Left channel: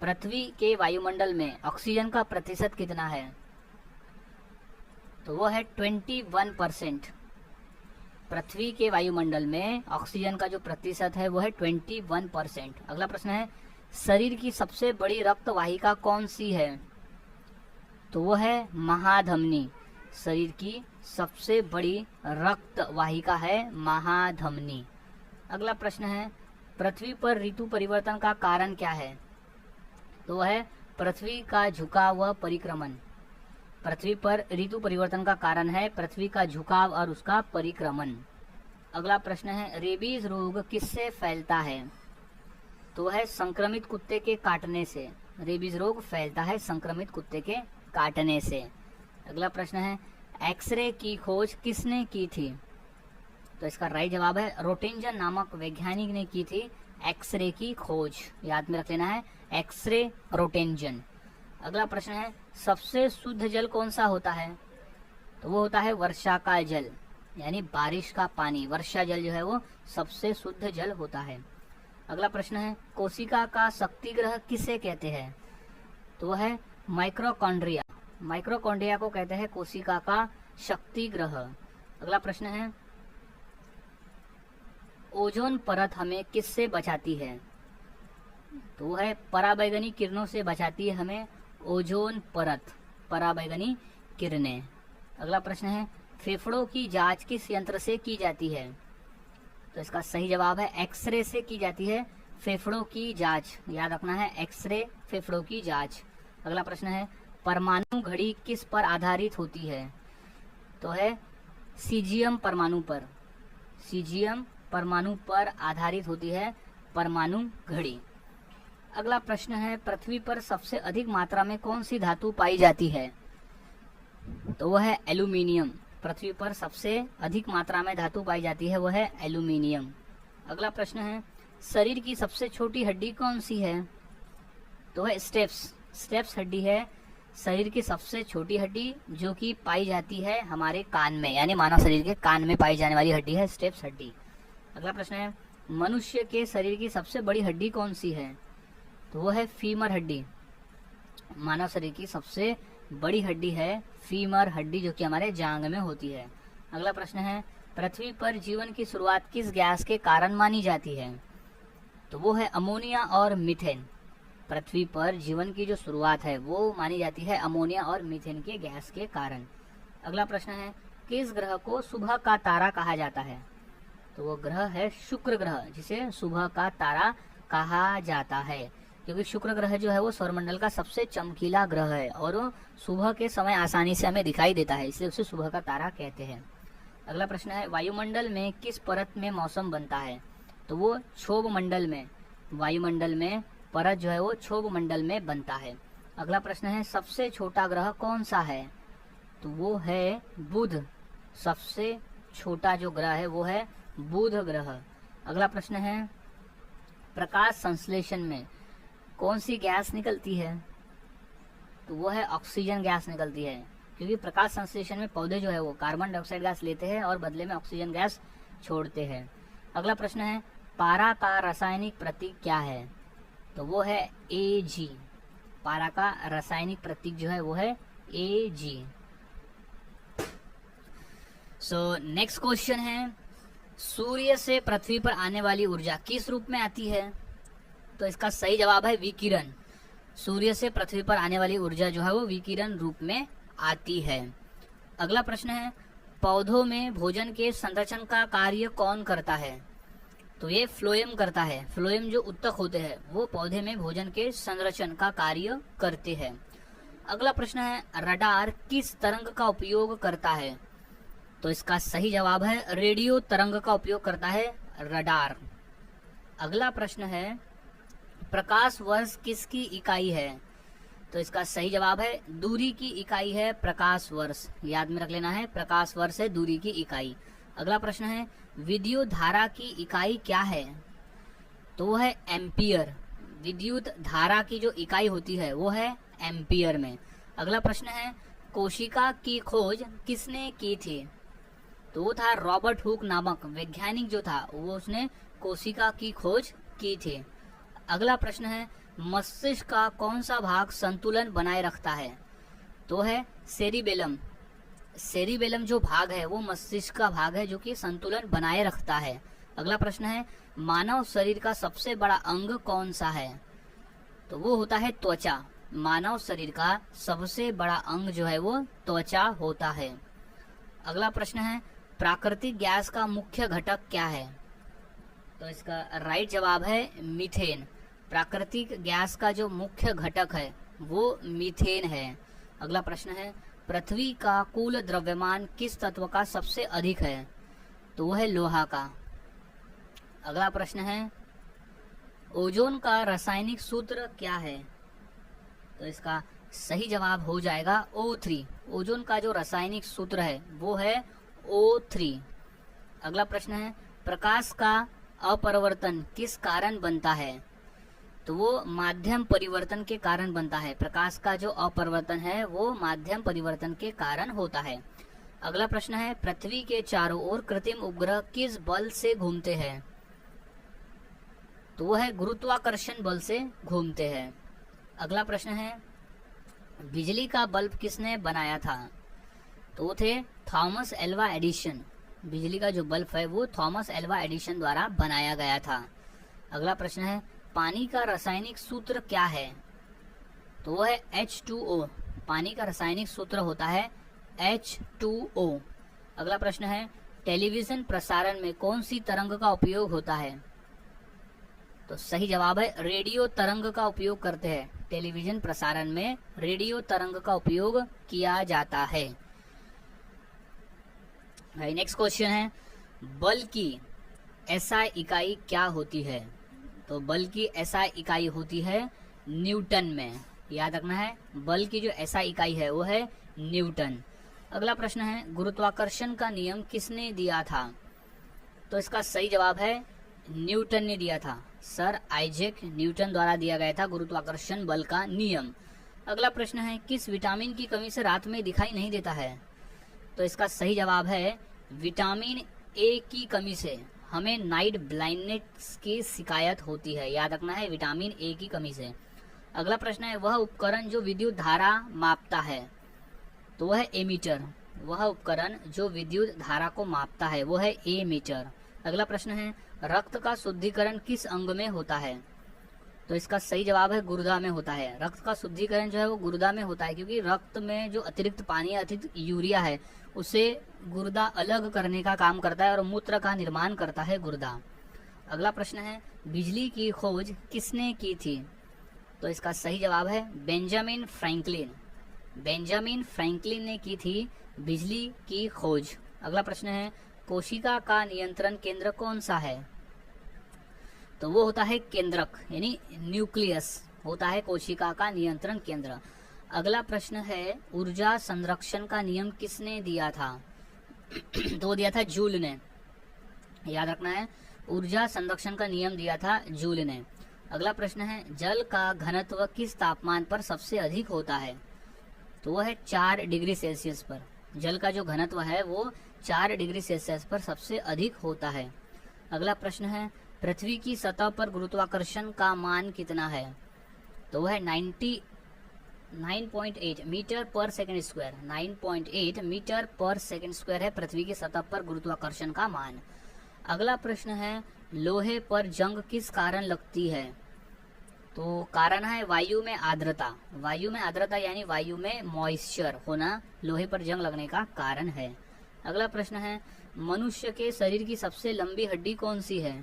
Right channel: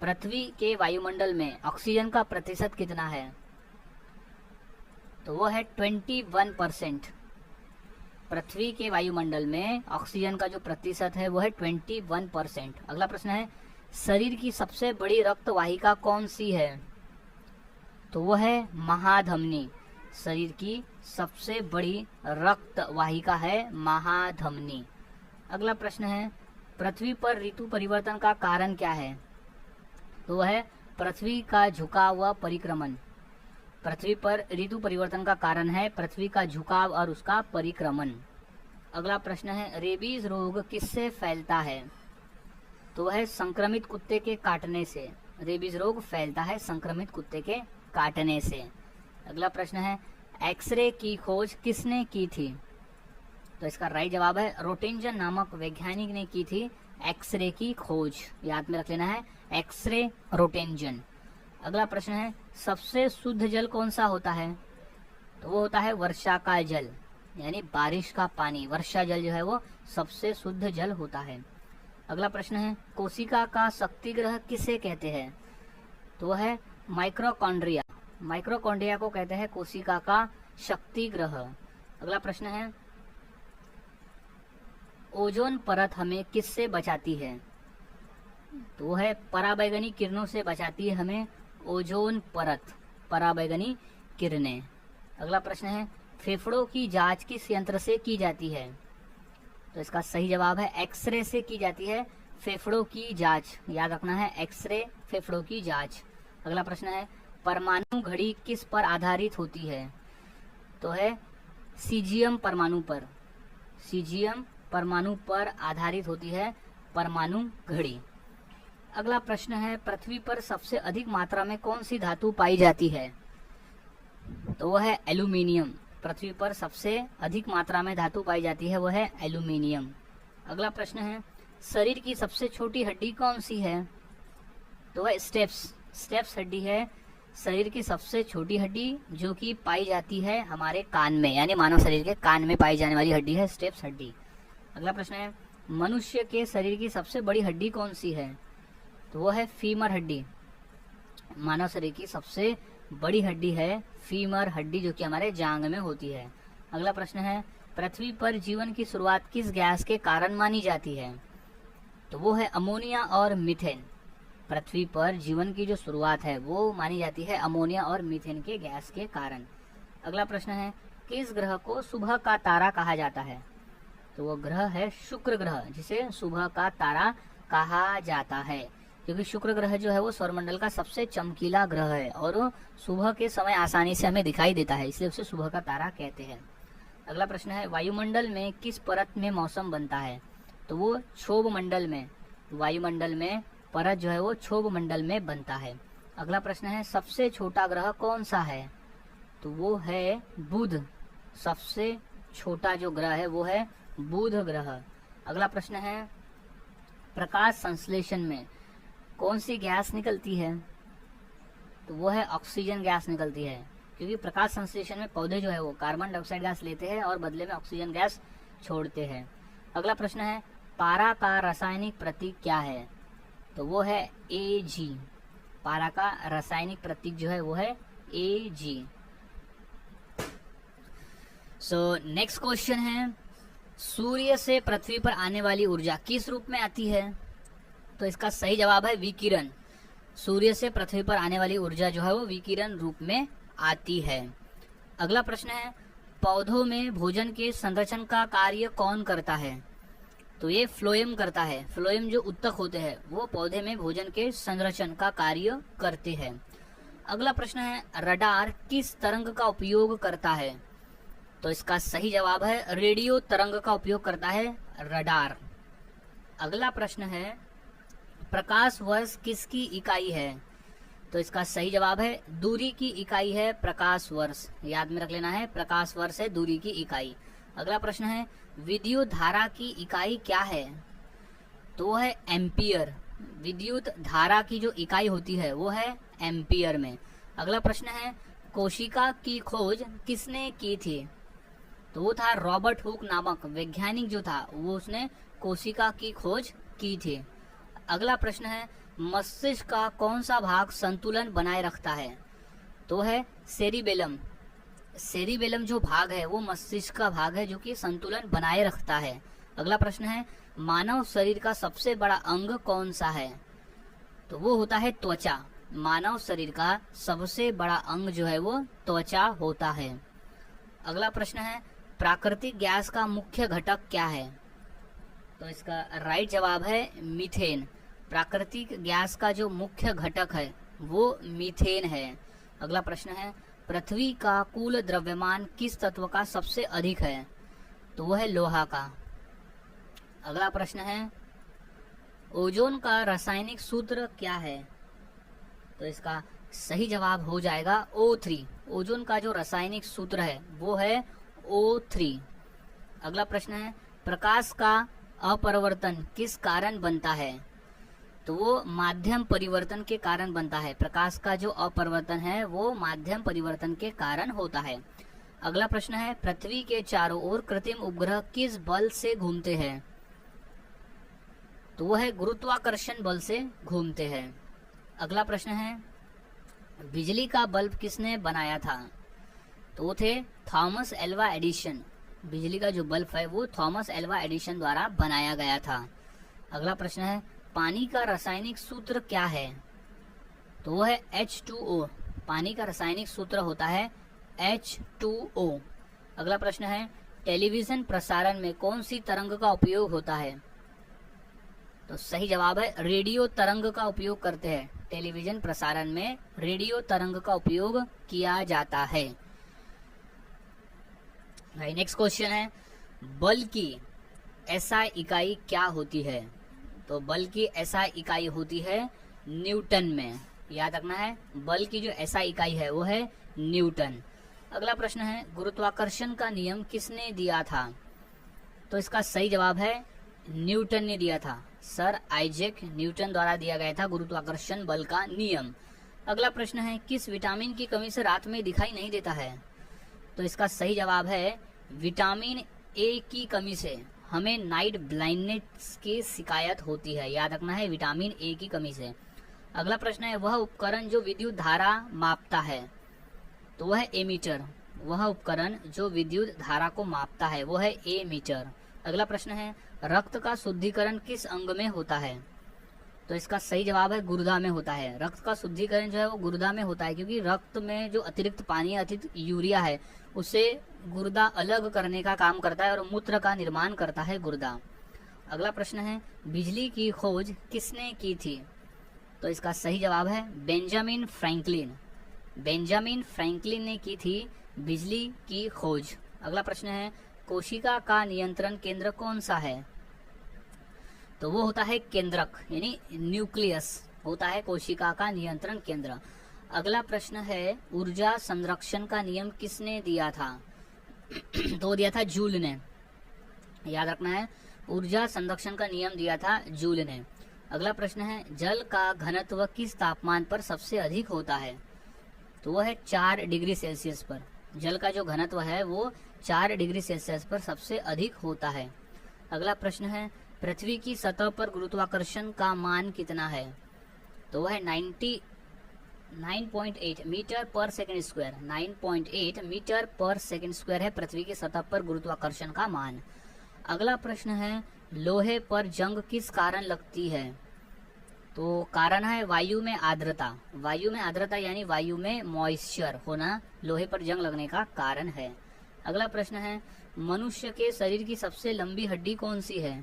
पृथ्वी के वायुमंडल में ऑक्सीजन का प्रतिशत कितना है? तो वो है 21%। पृथ्वी के वायुमंडल में ऑक्सीजन का जो प्रतिशत है वो है 21%। अगला प्रश्न है, शरीर की सबसे बड़ी रक्त वाहिका कौन सी है? तो वो है महाधमनी। शरीर की सबसे बड़ी रक्त वाहिका है महाधमनी। अगला प्रश्न है, पृथ्वी पर ऋतु परिवर्तन का कारण क्या है? तो वह है पृथ्वी का झुकाव व परिक्रमण। पृथ्वी पर ऋतु परिवर्तन का कारण है पृथ्वी का झुकाव और उसका परिक्रमण। अगला प्रश्न है, रेबीज रोग किससे फैलता है? तो वह है संक्रमित कुत्ते के काटने से। रेबीज रोग फैलता है संक्रमित कुत्ते के काटने से। अगला प्रश्न है, एक्सरे की खोज किसने की थी? तो इसका राइट जवाब है रोटिंजन नामक वैज्ञानिक ने की थी एक्सरे की खोज। याद में रख लेना है, एक्सरे रोटिंजन। अगला प्रश्न है, सबसे शुद्ध जल कौन सा होता है? तो वो होता है वर्षा का जल, यानी बारिश का पानी। वर्षा जल जो है वो सबसे शुद्ध जल होता है। अगला प्रश्न है, कोशिका का शक्ति ग्रह किसे कहते हैं? तो वह है माइक्रोकॉन्ड्रिया। माइक्रोकॉन्ड्रिया को कहते हैं कोशिका का शक्ति ग्रह। अगला प्रश्न है, ओजोन परत हमें किससे बचाती है? तो है पराबैंगनी किरणों से बचाती है हमें ओजोन परत, पराबैंगनी किरणें। अगला प्रश्न है, फेफड़ों की जांच किस यंत्र से की जाती है? तो इसका सही जवाब है एक्सरे से की जाती है फेफड़ों की जांच। याद रखना है, एक्सरे फेफड़ों की जांच। अगला प्रश्न है, परमाणु घड़ी किस पर आधारित होती है? तो है सीजियम परमाणु पर। सीजियम परमाणु पर आधारित होती है परमाणु घड़ी। अगला प्रश्न है, पृथ्वी पर सबसे अधिक मात्रा में कौन सी धातु पाई जाती है? तो वह है एल्यूमिनियम। पृथ्वी पर सबसे अधिक मात्रा में धातु पाई जाती है वह है एल्यूमिनियम। अगला प्रश्न है, शरीर की सबसे छोटी हड्डी कौन सी है? तो वह स्टेप्स हड्डी है शरीर की सबसे छोटी हड्डी, जो कि पाई जाती है हमारे कान में, यानी मानव शरीर के कान में पाई जाने वाली हड्डी है स्टेप्स हड्डी। अगला प्रश्न है, मनुष्य के शरीर की सबसे बड़ी हड्डी कौन सी है? तो वो है फीमर हड्डी। मानव शरीर की सबसे बड़ी हड्डी है फीमर हड्डी, जो कि हमारे जांग में होती है। अगला प्रश्न है, पृथ्वी पर जीवन की शुरुआत किस गैस के कारण मानी जाती है? तो वो है अमोनिया और मीथेन। पृथ्वी पर जीवन की जो शुरुआत है वो मानी जाती है अमोनिया और मीथेन के गैस के कारण। अगला प्रश्न है, किस ग्रह को सुबह का तारा कहा जाता है? तो वो ग्रह है शुक्र ग्रह, जिसे सुबह का तारा कहा जाता है, क्योंकि शुक्र ग्रह जो है वो सौरमंडल का सबसे चमकीला ग्रह है और वो सुबह के समय आसानी से हमें दिखाई देता है, इसलिए उसे सुबह का तारा कहते हैं। अगला प्रश्न है, वायुमंडल में किस परत में मौसम बनता है? तो वो क्षोभ मंडल में। वायुमंडल में परत जो है वो क्षोभ मंडल में बनता है। अगला प्रश्न है, सबसे छोटा ग्रह कौन सा है? तो वो है बुध। सबसे छोटा जो ग्रह है वो है बुध ग्रह। अगला प्रश्न है, प्रकाश संश्लेषण में कौन सी गैस निकलती है? तो वो है ऑक्सीजन गैस निकलती है, क्योंकि प्रकाश संश्लेषण में पौधे जो है वो कार्बन डाइऑक्साइड गैस लेते हैं और बदले में ऑक्सीजन गैस छोड़ते हैं। अगला प्रश्न है, पारा का रासायनिक प्रतीक क्या है? तो वो है Ag। पारा का रासायनिक प्रतीक जो है वो है Ag। सो नेक्स्ट क्वेश्चन है, सूर्य से पृथ्वी पर आने वाली ऊर्जा किस रूप में आती है? तो इसका सही जवाब है विकिरण। सूर्य से पृथ्वी पर आने वाली ऊर्जा जो है वो विकिरण रूप में आती है। अगला प्रश्न है, पौधों में भोजन के संरक्षण का कार्य कौन करता है? तो ये फ्लोएम करता है। फ्लोएम जो उत्तक होते हैं वो पौधे में भोजन के संरक्षण का कार्य करते हैं। अगला प्रश्न है, रडार किस तरंग का उपयोग करता है? तो इसका सही जवाब है रेडियो तरंग का उपयोग करता है रडार। अगला प्रश्न है, प्रकाश वर्ष किसकी इकाई है? तो इसका सही जवाब है दूरी की इकाई है प्रकाश वर्ष। याद में रख लेना है, प्रकाश वर्ष है दूरी की इकाई। अगला प्रश्न है, विद्युत धारा की इकाई क्या है? तो वो है एम्पियर। विद्युत धारा की जो इकाई होती है वो है एम्पियर में। अगला प्रश्न है, कोशिका की खोज किसने की थी? तो वो था रॉबर्ट हुक नामक वैज्ञानिक जो था, वो उसने कोशिका की खोज की थी। अगला प्रश्न है, मस्तिष्क का कौन सा भाग संतुलन बनाए रखता है? तो है सेरिबेलम। सेरिबेलम जो भाग है वो मस्तिष्क का भाग है जो कि संतुलन बनाए रखता है। अगला प्रश्न है, मानव शरीर का सबसे बड़ा अंग कौन सा है? तो वो होता है त्वचा। मानव शरीर का सबसे बड़ा अंग जो है वो त्वचा होता है। अगला प्रश्न है, प्राकृतिक गैस का मुख्य घटक क्या है? तो इसका राइट जवाब है मीथेन। प्राकृतिक गैस का जो मुख्य घटक है वो मीथेन है। अगला प्रश्न है, पृथ्वी का कुल द्रव्यमान किस तत्व का सबसे अधिक है? तो वो है लोहा का। अगला प्रश्न है, ओजोन का रासायनिक सूत्र क्या है? तो इसका सही जवाब हो जाएगा O3। ओजोन का जो रासायनिक सूत्र है वो है O3। अगला प्रश्न है, प्रकाश का अपरिवर्तन किस कारण बनता है? तो वो माध्यम परिवर्तन के कारण बनता है। प्रकाश का जो अपरिवर्तन है वो माध्यम परिवर्तन के कारण होता है। अगला प्रश्न है, पृथ्वी के चारों ओर कृत्रिम उपग्रह किस बल से घूमते हैं? तो वो है गुरुत्वाकर्षण बल से घूमते हैं। अगला प्रश्न है, बिजली का बल्ब किसने बनाया था? तो वो थे थॉमस एल्वा एडिसन। बिजली का जो बल्ब है वो थॉमस एल्वा एडिसन द्वारा बनाया गया था। अगला प्रश्न है, पानी का रासायनिक सूत्र क्या है? तो वो है H2O। पानी का रासायनिक सूत्र होता है H2O। अगला प्रश्न है, टेलीविजन प्रसारण में कौन सी तरंग का उपयोग होता है? तो सही जवाब है रेडियो तरंग का उपयोग करते हैं। टेलीविजन प्रसारण में रेडियो तरंग का उपयोग किया जाता है। नेक्स्ट क्वेश्चन है, बल की SI इकाई क्या होती है? तो बल की SI इकाई होती है न्यूटन में। याद रखना है, बल की जो SI इकाई है वो है न्यूटन। अगला प्रश्न है, गुरुत्वाकर्षण का नियम किसने दिया था? तो इसका सही जवाब है न्यूटन ने दिया था। सर आइजैक न्यूटन द्वारा दिया गया था गुरुत्वाकर्षण बल का नियम। अगला प्रश्न है, किस विटामिन की कमी से रात में दिखाई नहीं देता है? तो इसका सही जवाब है विटामिन ए की कमी से हमें नाइट ब्लाइंडनेस की शिकायत होती है। याद रखना है, विटामिन ए की कमी से। अगला प्रश्न है, वह उपकरण जो विद्युत धारा मापता है? तो वह है एमीटर। वह उपकरण जो विद्युत धारा को मापता है वो है एमीटर। अगला प्रश्न है, रक्त का शुद्धिकरण किस अंग में होता है? तो इसका सही जवाब है गुर्दा में होता है। रक्त का शुद्धिकरण जो है वो गुर्दा में होता है, क्योंकि रक्त में जो अतिरिक्त पानी अतिरिक्त यूरिया है उसे गुर्दा अलग करने का काम करता है और मूत्र का निर्माण करता है गुर्दा। अगला प्रश्न है, बिजली की खोज किसने की थी? तो इसका सही जवाब है बेंजामिन फ्रैंकलिन। बेंजामिन फ्रैंकलिन ने की थी बिजली की खोज। अगला प्रश्न है, कोशिका का नियंत्रण केंद्र कौन सा है? तो वो होता है केंद्रक, यानी न्यूक्लियस होता है कोशिका का नियंत्रण केंद्र। अगला प्रश्न है, ऊर्जा संरक्षण का नियम किसने दिया था? तो दिया था जूल ने। याद रखना है, ऊर्जा संरक्षण का नियम दिया था जूल ने। अगला प्रश्न है, जल का घनत्व किस तापमान पर सबसे अधिक होता है? तो वो है 4 डिग्री सेल्सियस पर। जल का जो घनत्व है वो 4 डिग्री सेल्सियस पर सबसे अधिक होता है। अगला प्रश्न है, पृथ्वी की सतह पर गुरुत्वाकर्षण का मान कितना है? तो वह 9.8 मीटर पर सेकंड स्क्वायर। 9.8 मीटर पर सेकंड स्क्वायर है पृथ्वी की सतह पर गुरुत्वाकर्षण का मान। अगला प्रश्न है, लोहे पर जंग किस कारण लगती है? तो कारण है वायु में आर्द्रता। वायु में आर्द्रता यानी वायु में मॉइस्चर होना लोहे पर जंग लगने का कारण है। अगला प्रश्न है, मनुष्य के शरीर की सबसे लंबी हड्डी कौन सी है?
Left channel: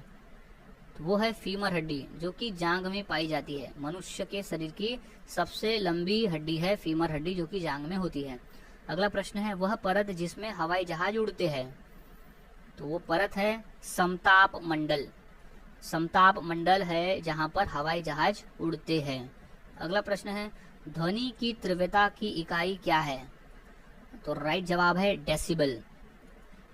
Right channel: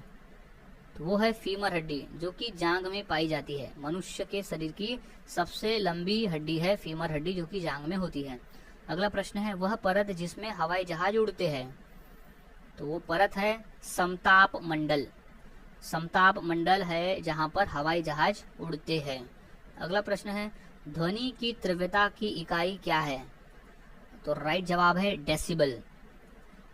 तो वो है फीमर हड्डी, जो कि जांघ में पाई जाती है। मनुष्य के शरीर की सबसे लंबी हड्डी है फीमर हड्डी, जो कि जांघ में होती है। अगला प्रश्न है, वह परत जिसमें हवाई जहाज उड़ते हैं? तो वो परत है समताप मंडल। समताप मंडल है जहां पर हवाई जहाज उड़ते हैं। अगला प्रश्न है, ध्वनि की तीव्रता की इकाई क्या है? तो राइट जवाब है डेसिबल।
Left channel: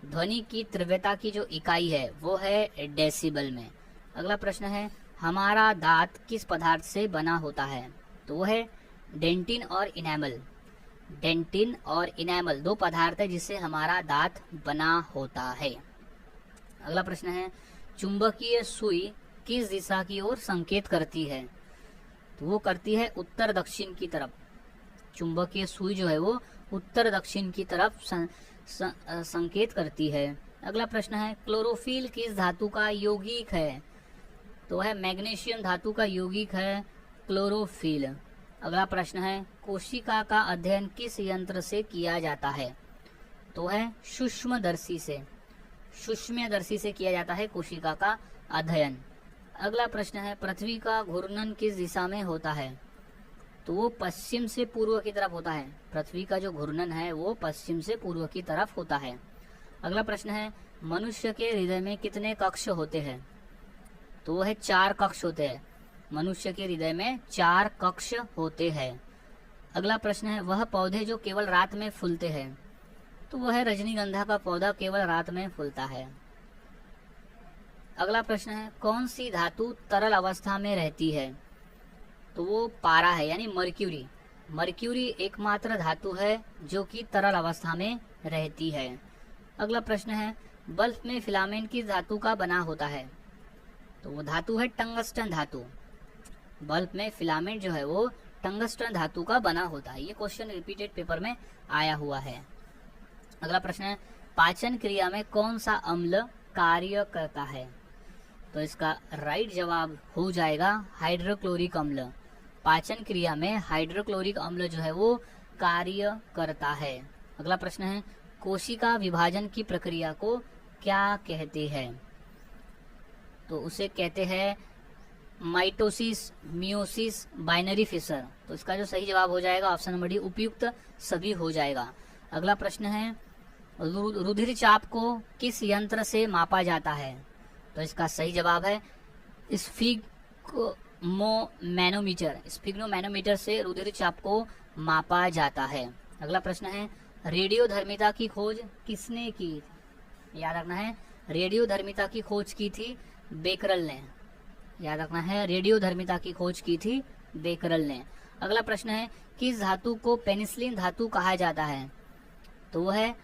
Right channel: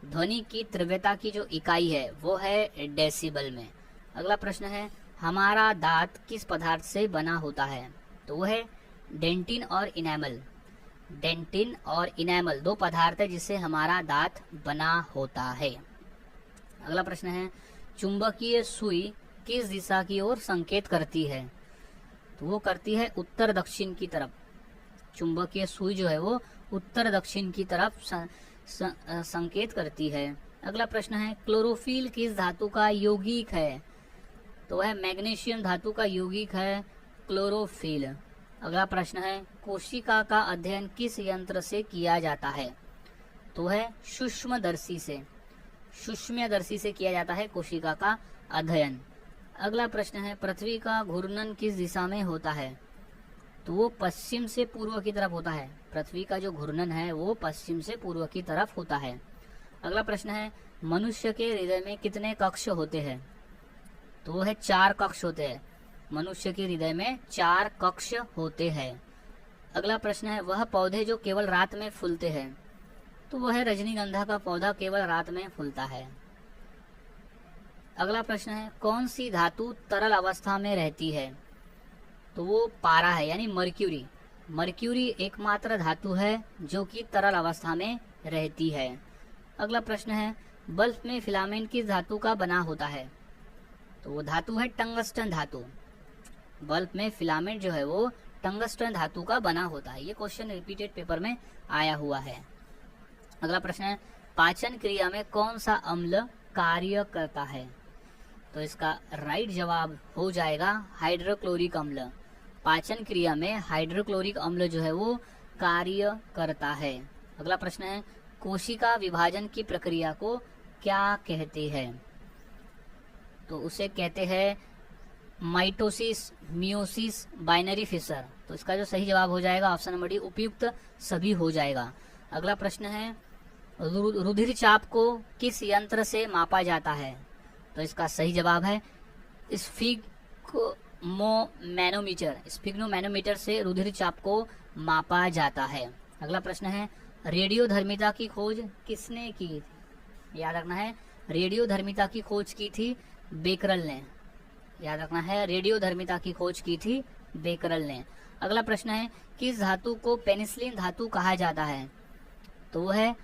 ध्वनि की तीव्रता की जो इकाई है वो है डेसिबल में। अगला प्रश्न है, हमारा दांत किस पदार्थ से बना होता है? तो वो है डेंटिन और इनेमल। डेंटिन और इनेमल 2 पदार्थ है जिससे हमारा दांत बना होता है। अगला प्रश्न है, चुंबकीय सुई किस दिशा की ओर संकेत करती है? तो वो करती है उत्तर दक्षिण की तरफ। चुंबकीय सुई जो है वो उत्तर दक्षिण की तरफ संकेत करती है। अगला प्रश्न है क्लोरोफिल किस धातु का यौगिक है? तो वह मैग्नीशियम धातु का यौगिक है क्लोरोफिल। अगला प्रश्न है कोशिका का अध्ययन किस यंत्र से किया जाता है? तो है सूक्ष्मदर्शी से। सूक्ष्मदर्शी से किया जाता है कोशिका का अध्ययन। अगला प्रश्न है पृथ्वी का घूर्णन किस दिशा में होता है? तो वो पश्चिम से पूर्व की तरफ होता है। पृथ्वी का जो घूर्णन है वो पश्चिम से पूर्व की तरफ होता है। अगला प्रश्न है मनुष्य के हृदय में कितने कक्ष होते हैं? तो वो है 4 कक्ष होते हैं। मनुष्य के हृदय में 4 कक्ष होते हैं। अगला प्रश्न है वह पौधे जो केवल रात में फूलते हैं? तो वह है रजनीगंधा का पौधा केवल रात में फूलता है। अगला प्रश्न है कौन सी धातु तरल अवस्था में रहती है? तो वो पारा है यानी मर्क्यूरी। मर्क्यूरी एकमात्र धातु है जो कि तरल अवस्था में रहती है। अगला प्रश्न है बल्ब में फिलामेंट किस धातु का बना होता है? तो वो धातु है टंगस्टन धातु। बल्ब में फिलामेंट जो है वो टंगस्टन धातु का बना होता है। ये क्वेश्चन रिपीटेड पेपर में आया हुआ है। अगला प्रश्न है पाचन क्रिया में कौन सा अम्ल कार्य करता है? तो इसका राइट जवाब हो जाएगा हाइड्रोक्लोरिक अम्ल। पाचन क्रिया में हाइड्रोक्लोरिक अम्ल जो है वो कार्य करता है। अगला प्रश्न है कोशिका विभाजन की प्रक्रिया को क्या कहते हैं? तो उसे कहते हैं माइटोसिस, मियोसिस, बाइनरी फिशर। तो इसका जो सही जवाब हो जाएगा ऑप्शन नंबर डी उपयुक्त सभी हो जाएगा। अगला प्रश्न है रुधिर चाप को किस यंत्र से मापा जाता है? तो इसका सही जवाब है स्फिग्मोमैनोमीटर। स्फिग्मोमैनोमीटर से रुधिर चाप को मापा जाता है। अगला प्रश्न है रेडियोधर्मिता की खोज किसने की? याद रखना है रेडियोधर्मिता की खोज की थी बेकरल ने। याद रखना है रेडियोधर्मिता की खोज की थी बेकरल ने। अगला प्रश्न है किस धातु को पेनिसिलिन धातु कहा जाता है? तो वह है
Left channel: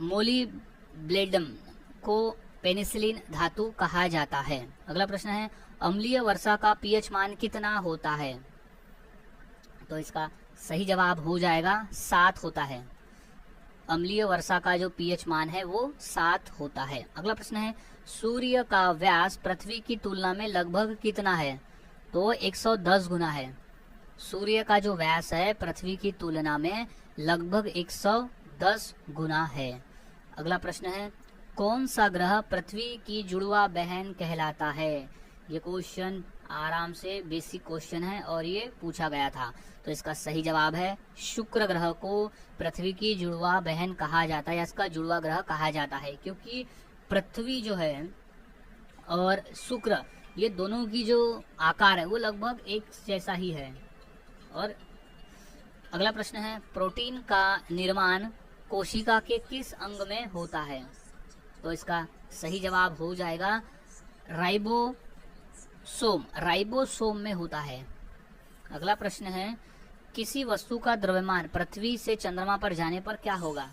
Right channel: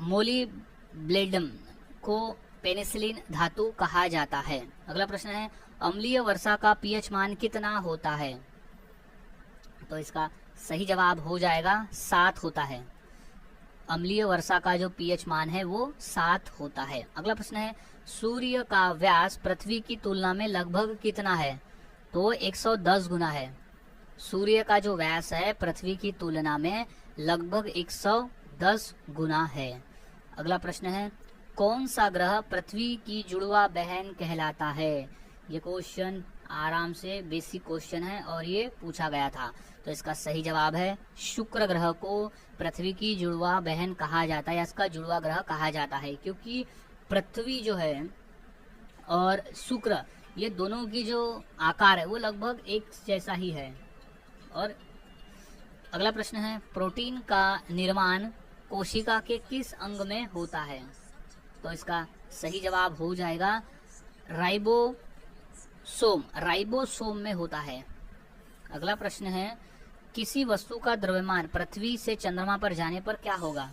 मोलिब्लेडम को पेनिसिलिन धातु कहा जाता है। अगला प्रश्न है अम्लीय वर्षा का पीएच मान कितना होता है? तो इसका सही जवाब हो जाएगा 7 होता है। अम्लीय वर्षा का जो पीएच मान है वो 7 होता है। अगला प्रश्न है सूर्य का व्यास पृथ्वी की तुलना में लगभग कितना है? तो वो 110 गुना है। सूर्य का जो व्यास है पृथ्वी की तुलना में लगभग 110 गुना है। अगला प्रश्न है कौन सा ग्रह पृथ्वी की जुड़वा बहन कहलाता है? ये क्वेश्चन आराम से बेसिक क्वेश्चन है और ये पूछा गया था। तो इसका सही जवाब है शुक्र ग्रह को पृथ्वी की जुड़वा बहन कहा जाता है या इसका जुड़वा ग्रह कहा जाता है, क्योंकि पृथ्वी जो है और शुक्र ये दोनों की जो आकार है वो लगभग एक जैसा ही है। और अगला प्रश्न है प्रोटीन का निर्माण कोशिका के किस अंग में होता है? तो इसका सही जवाब हो जाएगा राइबोसोम। राइबोसोम में होता है। अगला प्रश्न है किसी वस्तु का द्रव्यमान पृथ्वी से चंद्रमा पर जाने पर क्या होगा?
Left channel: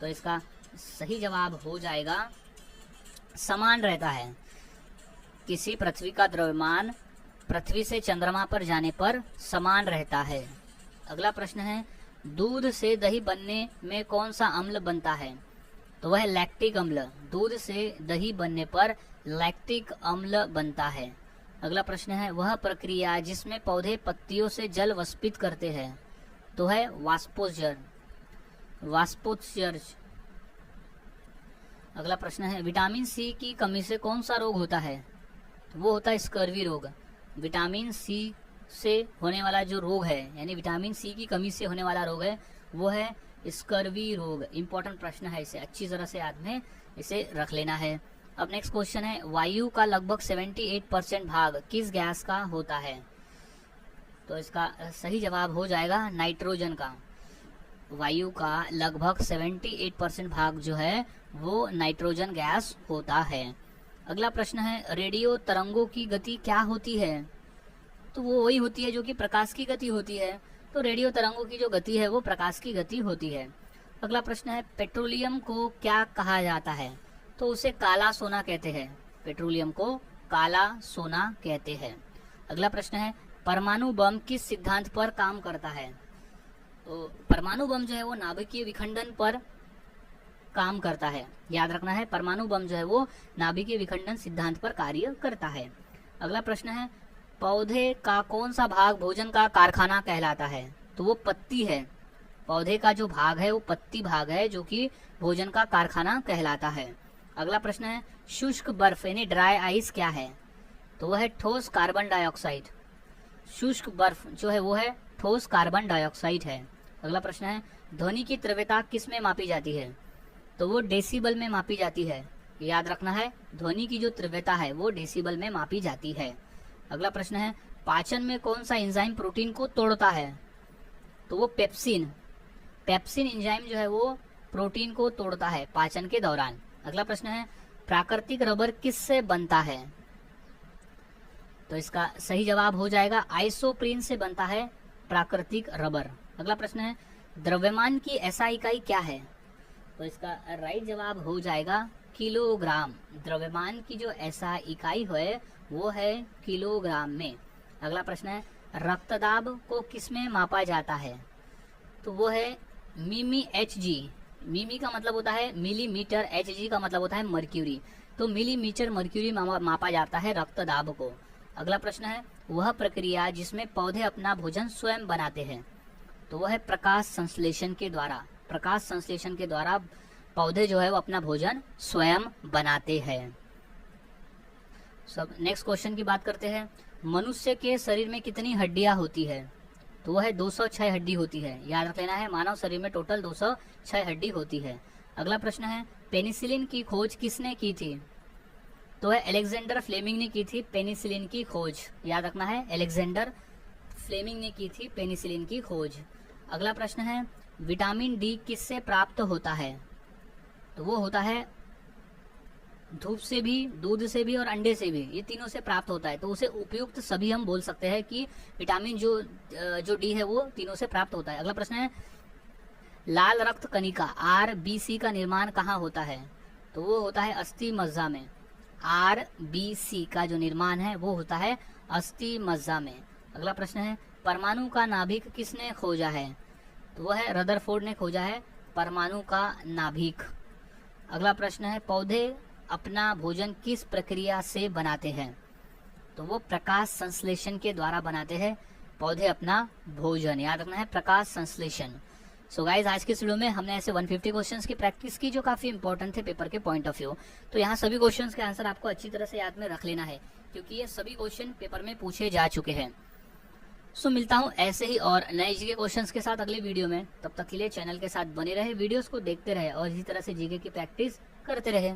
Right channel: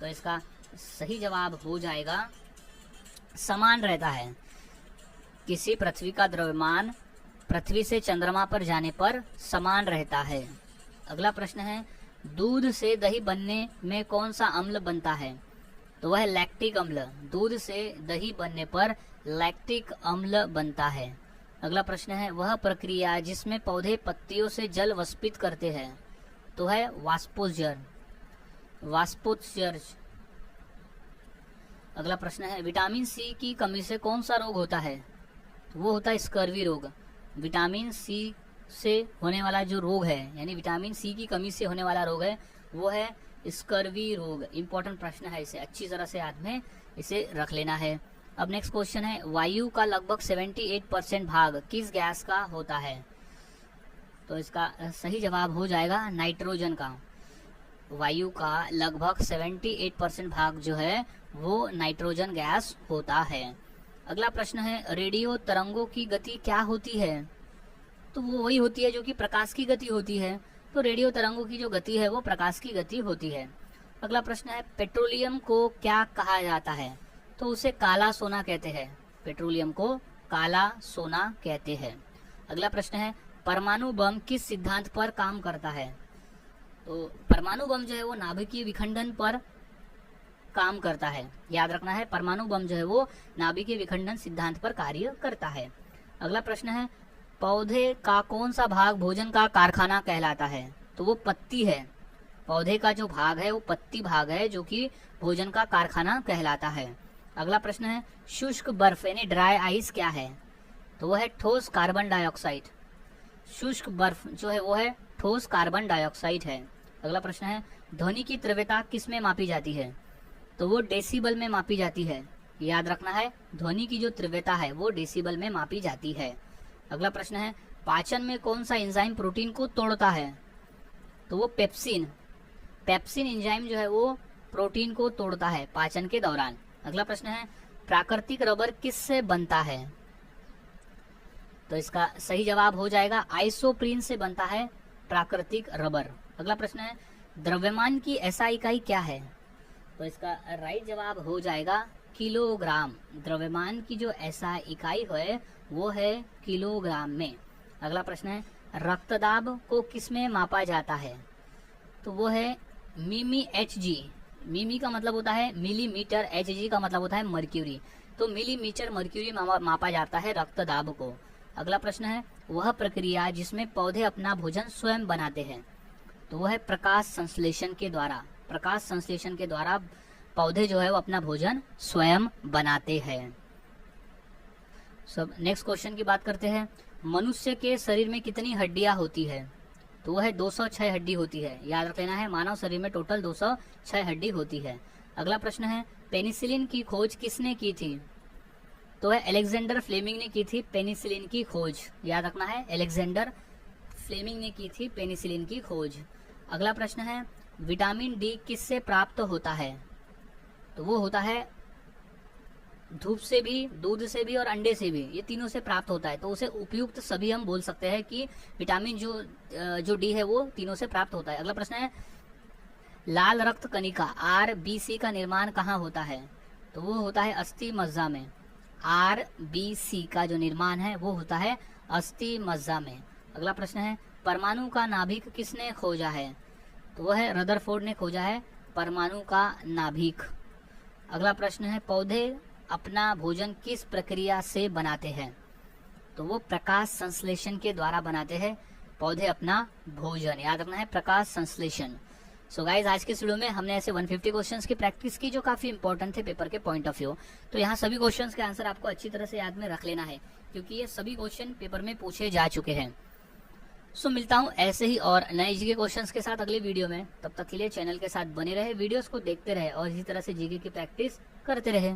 तो इसका सही जवाब हो जाएगा समान रहता है। किसी पृथ्वी का द्रव्यमान पृथ्वी से चंद्रमा पर जाने पर समान रहता है। अगला प्रश्न है दूध से दही बनने में कौन सा अम्ल बनता है? तो वह लैक्टिक अम्ल। दूध से दही बनने पर लैक्टिक अम्ल बनता है। अगला प्रश्न है वह प्रक्रिया जिसमें पौधे पत्तियों से जल वाष्पित करते हैं? तो है वाष्पोत्सर्जन। अगला प्रश्न है विटामिन सी की कमी से कौन सा रोग होता है? तो वो होता है स्कर्वी रोग। विटामिन सी से होने वाला जो रोग है यानी विटामिन सी की कमी से होने वाला रोग है वो है स्कर्वी रोग। इंपॉर्टेंट प्रश्न है, इसे अच्छी तरह से याद में इसे रख लेना है। अब नेक्स्ट क्वेश्चन है वायु का लगभग 78% भाग किस गैस का होता है? तो इसका सही जवाब हो जाएगा नाइट्रोजन का। वायु का लगभग 78% भाग जो है वो नाइट्रोजन गैस होता है। अगला प्रश्न है रेडियो तरंगों की गति क्या होती है? तो वो वही होती है जो कि प्रकाश की गति होती है। तो रेडियो तरंगों की जो गति है वो प्रकाश की गति होती है। अगला प्रश्न है पेट्रोलियम को क्या कहा जाता है? तो उसे काला सोना कहते हैं। पेट्रोलियम को काला सोना कहते हैं। अगला प्रश्न है परमाणु बम किस सिद्धांत पर काम करता है? तो परमाणु बम जो है वो नाभिकीय विखंडन पर काम करता है। याद रखना है, परमाणु बम जो है वो नाभिकीय विखंडन सिद्धांत पर कार्य करता है। अगला प्रश्न है, पौधे का कौन सा भाग भोजन का कारखाना कहलाता है? तो वो पत्ती है। पौधे का जो भाग है वो पत्ती भाग है, जो कि भोजन का कारखाना कहलाता है। अगला प्रश्न है, शुष्क बर्फ यानी ड्राई आइस क्या है? तो वह है ठोस कार्बन डाइऑक्साइड। शुष्क बर्फ जो है वो है ठोस कार्बन डाइऑक्साइड है। अगला प्रश्न है, ध्वनि की तीव्रता किस में मापी जाती है? तो वो डेसिबल में मापी जाती है। याद रखना है, ध्वनि की जो तीव्रता है वो डेसिबल में मापी जाती है। अगला प्रश्न है, पाचन में कौन सा एंजाइम प्रोटीन को तोड़ता है? तो वो पेप्सिन। पेप्सिन एंजाइम जो है वो प्रोटीन को तोड़ता है पाचन के दौरान। अगला प्रश्न है, प्राकृतिक रबर किससे बनता है? तो इसका सही जवाब हो जाएगा आइसोप्रीन से बनता है प्राकृतिक रबर। अगला प्रश्न है, द्रव्यमान की एसआई इकाई क्या है? तो इसका राइट जवाब हो जाएगा किलोग्राम। द्रव्यमान की जो एसआई इकाई है वो है किलोग्राम में। अगला प्रश्न है, रक्तदाब को किस में मापा जाता है? तो वो है मिमी एचजी। मिमी का मतलब होता है मिलीमीटर, एचजी का मतलब होता है मर्क्यूरी। तो मिलीमीटर मर्क्यूरी मापा जाता है रक्तदाब को। अगला प्रश्न है, वह प्रक्रिया जिसमें पौधे अपना भोजन स्वयं बनाते हैं? तो वह है प्रकाश संश्लेषण के द्वारा। प्रकाश संश्लेषण के द्वारा पौधे जो है वो अपना भोजन स्वयं बनाते हैं। सब नेक्स्ट क्वेश्चन की बात करते हैं, मनुष्य के शरीर में कितनी हड्डियां होती है? तो वह है 206 हड्डी होती है। याद रख लेना है, मानव शरीर में टोटल 206 हड्डी होती है। अगला प्रश्न है, पेनिसिलिन की खोज किसने की थी? तो वह अलेक्जेंडर फ्लेमिंग ने की थी पेनिसिलिन की खोज। याद रखना है, अलेक्जेंडर फ्लेमिंग ने की थी पेनिसिलिन की खोज। अगला प्रश्न है, विटामिन डी किससे प्राप्त होता है? तो वो होता है धूप से भी, दूध से भी और अंडे से भी, ये तीनों से प्राप्त होता है। तो उसे उपयुक्त सभी हम बोल सकते हैं कि विटामिन जो डी है वो तीनों से प्राप्त होता है। अगला प्रश्न है, लाल रक्त कणिका आरबीसी का निर्माण कहाँ होता है? तो वो होता है अस्थि मज्जा में। आरबीसी का जो निर्माण है वो होता है अस्थि मज्जा में। अगला प्रश्न है, परमाणु का नाभिक किसने खोजा है? तो वो है रदरफोर्ड ने खोजा है परमाणु का नाभिक। अगला प्रश्न है, पौधे अपना भोजन किस प्रक्रिया से बनाते हैं? तो वो प्रकाश संश्लेषण के द्वारा बनाते हैं पौधे अपना भोजन। याद रखना है, प्रकाश संश्लेषण। सो गाइज, आज के वीडियो में हमने ऐसे 150 क्वेश्चंस की प्रैक्टिस की जो काफी इंपॉर्टेंट थे पेपर के पॉइंट ऑफ व्यू। तो यहाँ सभी क्वेश्चंस के आंसर आपको अच्छी तरह से याद में रख लेना है, क्योंकि ये सभी क्वेश्चन पेपर में पूछे जा चुके हैं। सो मिलता हूँ ऐसे ही और नए जीके क्वेश्चंस के साथ अगले वीडियो में। तब तक के लिए चैनल के साथ बने रहे, वीडियोस को देखते रहे और इसी तरह से जीके की प्रैक्टिस करते रहे।